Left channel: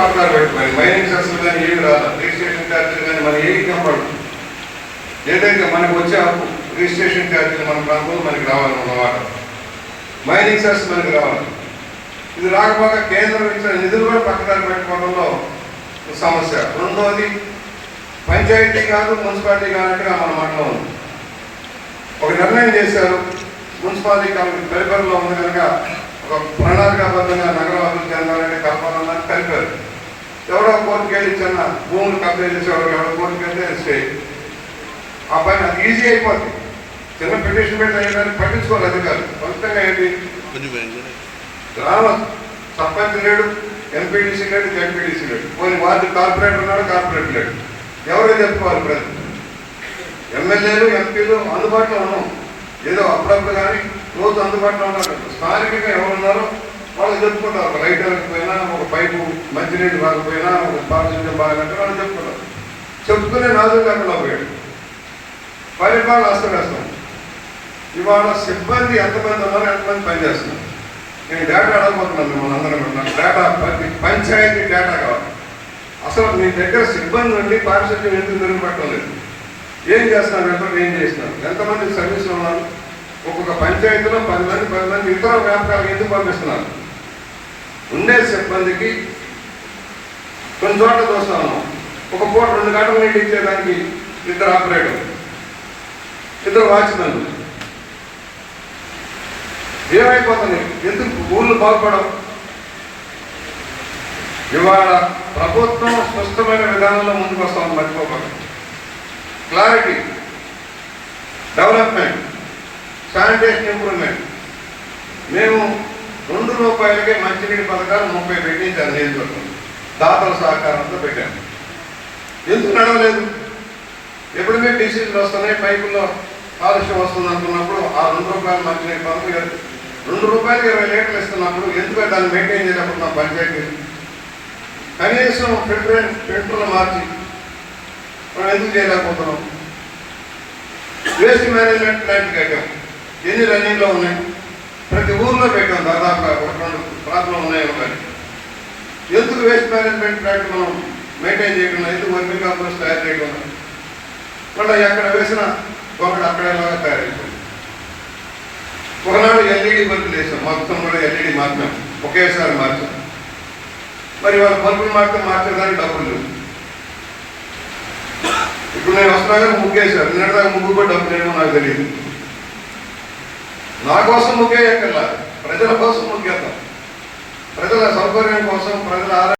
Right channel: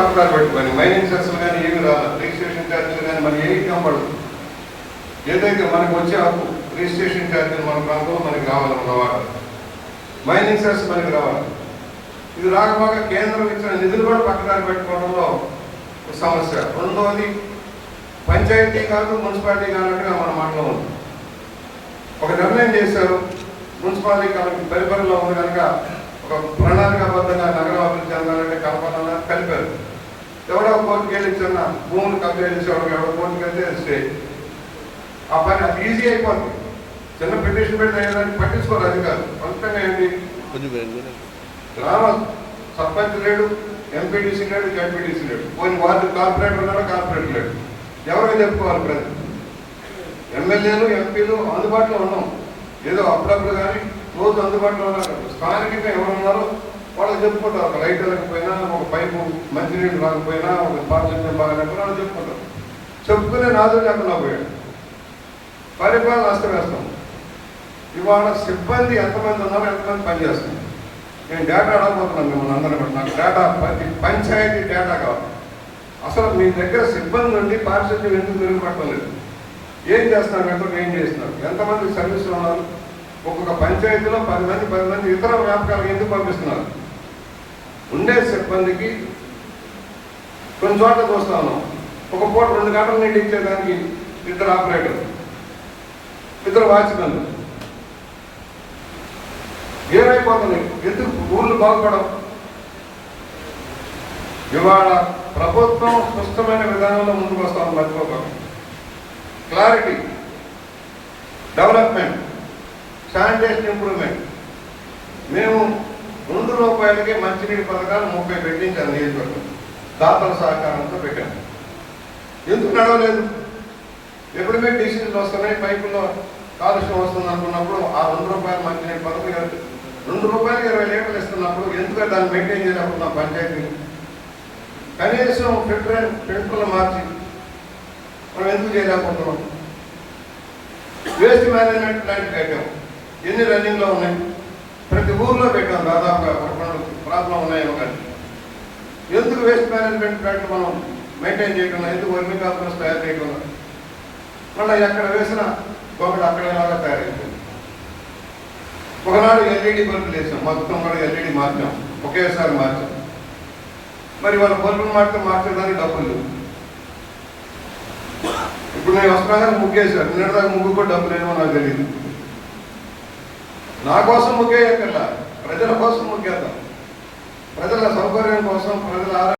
మాట్లాడబెట్టు మరి. మైనింగ్ సెస్లు కానీ ఏమి రాదు రిజిస్ట్రేషన్ ఛార్జీలు కానీ మనం ఏమి కనపడదు ఏదైతే మనకు వచ్చే హక్కు రిజిస్ట్రేషన్ ఛార్జీలు మన ప్రాంతంలో మనకి రావాలన్నమాట మైనింగ్ సెన్స్ మనకి రావాలి. ఇది రాకపోగా కేంద్రం ఇచ్చిన నిధులు కూడా పక్కన పెట్టుకోవడంలో సమస్య. రెండోది పంచాయతీ కాదు మున్సిపాలిటీ కానట్టుగా మన మండలం ఉంది. ఒక నిర్ణయం చేశారు. మున్సిపాలిటీ కాబట్టి పరిపాలనలో ఉంది కనుక ఒక ప్రణాళికాబద్ధంగా నగరం కలిపారు ఎవడో కోర్టుకు వెళ్ళి చిన్న భూములు కబ్జా చేసేవాడు ఎవడో కోర్టుకు వెళ్తే స్టే ఆ పని అది ఈజీ అయిపోద్ది. చిన్న పిటిషన్ పెట్టి అయ్యడానికి పట్టించుకోవాలి అధికారులు. ఫలితంగా ఏంటి? గ్రామ సర్పంచ్ లేడు ఎంపీటీసీ లేడు ఎంపీటీసీ లేడు. పోనీ వార్డు కార్పొరేటర్ ఉన్నాడు? కార్పొరేటర్ లేడు. ఎవరో చెప్పుకోవాలి ప్రజలు. ఎమ్మెల్యేలు ఎంపీలు అందుబాటులో ఉన్నాం. ఏదో అప్పుడప్పుడు కానీ రోజు అందుబాటులో ఉన్నారు. స్థానికంగా ఎవరు ఉన్నారో వాళ్ళు చెప్పుకుంటారు. ఒక లైట్ పోయినా ఒక పైపు మంచినీళ్ళు రాకపోయినా ఒక పారిశుద్ధ్యం బాగాలంటే వాళ్ళు చెప్పుకుంటారు. చెప్పుకునే నాదు లేకుండా పోయాడు పరిపాలన అస్తవ్యస్తం ఇవాళ సిబ్బంది ఎంతమంది ఉన్నారో ఎంతమంది పనిచేస్తున్నారు నేను డేటా అడగబోతున్నాను మిమ్మల్ని అందరం కూడా. నాకు డేటా ప్రతి పంచాయతీ డేటా కావాలి. అసలు మీ దగ్గర సిబ్బంది ఉండి పారిశుద్ధ్యం ఎందుకు మెరుగుపడటం లేదు? ఏం చేస్తున్నారు? ఎంత ఏం చేస్తున్నారు? ఎంతమంది సర్వీసులు ఉన్నారు? ఒక్కొక్క పంచాయతీలో పది మంది పది మంది ఇతర వ్యాపారాలు ఎందుకు పంపిస్తున్నారు? ఉండే సిబ్బందికి కొన్ని చోట్ల చూస్తా ఉన్నాం ఒక పూట రెండు గంటలు నీళ్ళు ఇచ్చేదానికి ఇద్దరు ఆపరేటర్ ఇద్దరు వాచ్మెన్ ఏమైపోతుంది? ఎందుకు ఊళ్ళు బాగుపడవు? ఇవాళ ప్రభుత్వం స్పష్టమైన విధానంలో ముందుకు వస్తాం మర్చిపోకూడదు క్లారిటీ డెవలప్మెంట్ శానిటేషన్ ఇంప్రూవ్మెంట్ మేము రెండు రూపాయలకే మంచినీటి పథకాలు ముప్పై పెట్టించాను నియోజకవర్గం దాతల సహకారంతో పెట్టాను ఎందుకు నడవలేదు? ఎప్పుడైతే డిసీజులు వస్తున్నాయి పైపులో కాలుష్యం వస్తుంది అనుకున్నప్పుడు ఆ రెండు రూపాయలు మంచినీటి పథకం రెండు రూపాయలకి ఇరవై లీటర్లు ఇస్తున్నప్పుడు ఎందుకు దాన్ని మెయింటైన్ చేయలేకపోతున్నాం పంచాయతీ? కనీసం ఫిల్టర్ ఫిల్టర్లు మార్చి మనం ఎందుకు చేయలేకపోతున్నాం? వేస్ట్ మేనేజ్మెంట్ ప్లాంట్ కట్టాం. ఎన్ని రన్నింగ్లో ఉన్నాయి? ప్రతి ఊర్లో పెట్టాం దాదాపుగా ప్రాంతంలో ఉన్నాయి ఒకటి ఎందుకు వేస్ట్ మేనేజ్మెంట్ ప్లాంట్ మనం మెయింటైన్ చేయకుండా ఎందుకు? వర్మి కాంపోస్ట్ తయారు చేయకుండా మళ్ళీ ఎక్కడ వేసిన ఒకటి అక్కడేలాగా తయారు చేసాం ఒకనాడు ఎల్ఈడి బల్బులు వేసాం మొత్తం కూడా ఎల్ఈడి మార్చాం. ఒకేసారి మార్చాం. మరి వాళ్ళ బల్బులు మార్చే మార్చేదానికి డబ్బులు లేవు. ఇప్పుడు నేను వస్తున్నాగానే ముగ్గేశాను నిన్నటిదాకా ముగ్గు కూడా డబ్బులు ఏమో నాకు తెలియదు. నా కోసం ముగ్గేయక్కర్లా ప్రజల కోసం ముగ్గేద్దాం ప్రజల సౌకర్యం కోసం ప్రజల